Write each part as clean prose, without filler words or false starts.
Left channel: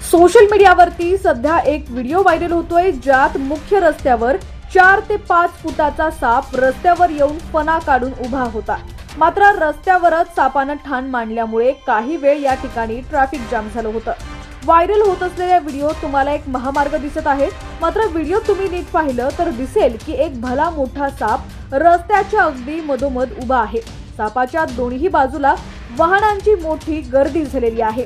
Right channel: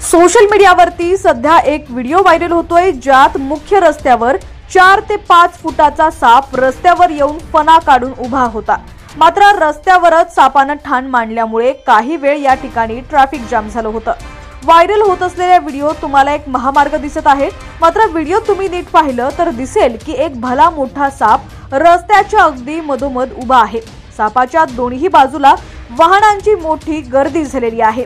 Social मीडियावरती सध्या एक व्हिडिओ व्हायरल होतोय, ज्यात मुख्य रस्त्यावर 4 ते 5 फुटाचा साप रस्त्यावर येऊन फणा काढून उभा होता। मात्र रस्त्यावरच सापानं ठाण मांडल्यामुळे काही वेळ या ठिकाणी ट्रॅफिक जाम झालं होतं। व्हायरल होत असलेल्या व्हिडिओत तुम्हाला एक महामार्ग दिसत आहे, मात्र व्हिडिओ तुम्ही नीट पाहिलं तर दिसेल की एक भला मोठा साप रस्त्याच्या अगदी मधोमध उभा आहे। सापाच्या दोन्ही बाजूला वाहनांची मोठी गर्दी झालेली आहे।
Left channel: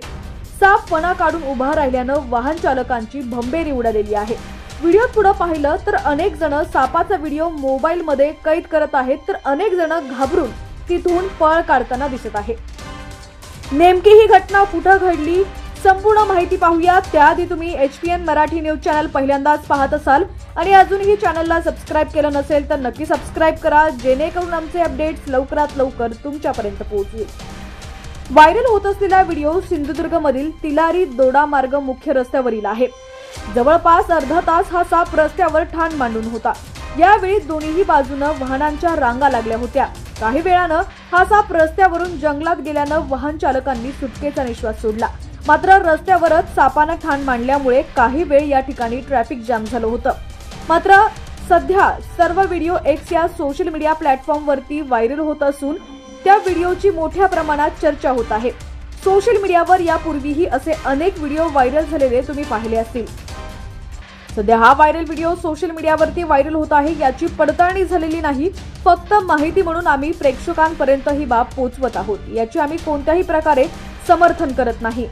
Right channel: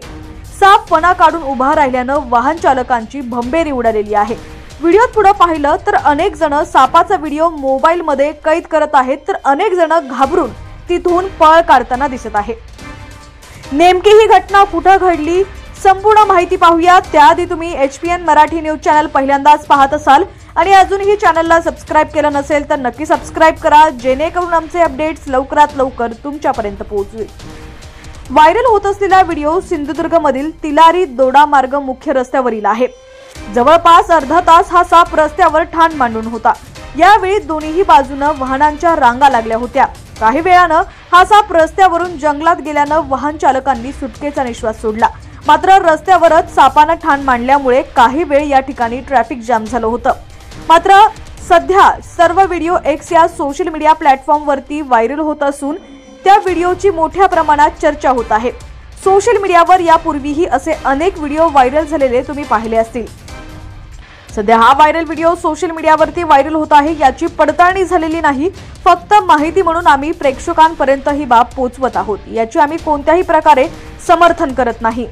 साप फणा काढून उभा राहिल्यानं वाहन चालकांची भंबेरी उडालेली आहे। व्हिडिओत पुढे पाहिलं तर अनेक जण सापाचा व्हिडिओ मोबाईलमध्ये कैद करत आहेत, तर अनेक जण घाबरून तिथून पळ काढताना दिसत आहे। नेमकी ही घटना कुठे घडली, संपूर्ण माहिती पाहूया। त्याआधी तुम्ही HPN मराठी न्यूज चॅनल पहिल्यांदाच पाहत असाल आणि अजूनही चॅनलला सबस्क्राइब केलं नसेल तर नक्की सबस्क्राइब करा, जेणेकरून आमचे अपडेट्स लवकरात लवकर तुमच्यापर्यंत पोहोचतील। व्हायरल होत असलेला व्हिडिओ सिंधुदुर्गमधील तिलारी दोडा मार्ग मुख्य रस्त्यावरील आहे। जवळपास अर्धा तास हा साप रस्त्यावर ठाण मांडून होता। यावेळी दोन्ही बाजूने वाहनांच्या रांगा लागल्या होत्या। काही वेळानं हा साप रस्त्यावरून जंगलात गेल्यानं वाहन चालकांनी सुटकेचा निश्वास सोडला। मात्र रस्त्यावरच सापानं ठाण मांडल्यामुळे काही वेळ या ठिकाणी ट्रॅफिक जाम झालं होतं। मात्र सध्या सर्व व्हिडिओ X या सोशल मीडिया प्लॅटफॉर्मवरती व्हायरल होत असून त्या व्हिडिओची मोठ्या प्रमाणात चर्चा होत आहे। सोशल मीडियावर यापूर्वीही असे अनेक व्हिडिओ व्हायरल झालेले तुम्ही पाहिले असतील। सध्या हा व्हायरल व्हिडिओ सोशल मीडियावरती व्हायरल होत आहे, याची पडताळणी झालेली नाही, फक्त माहिती म्हणून आम्ही प्रेक्षकांपर्यंत ही बाब पोहोचवत आहोत। याची आम्ही कोणत्याही प्रकारे समर्थन करत नाही।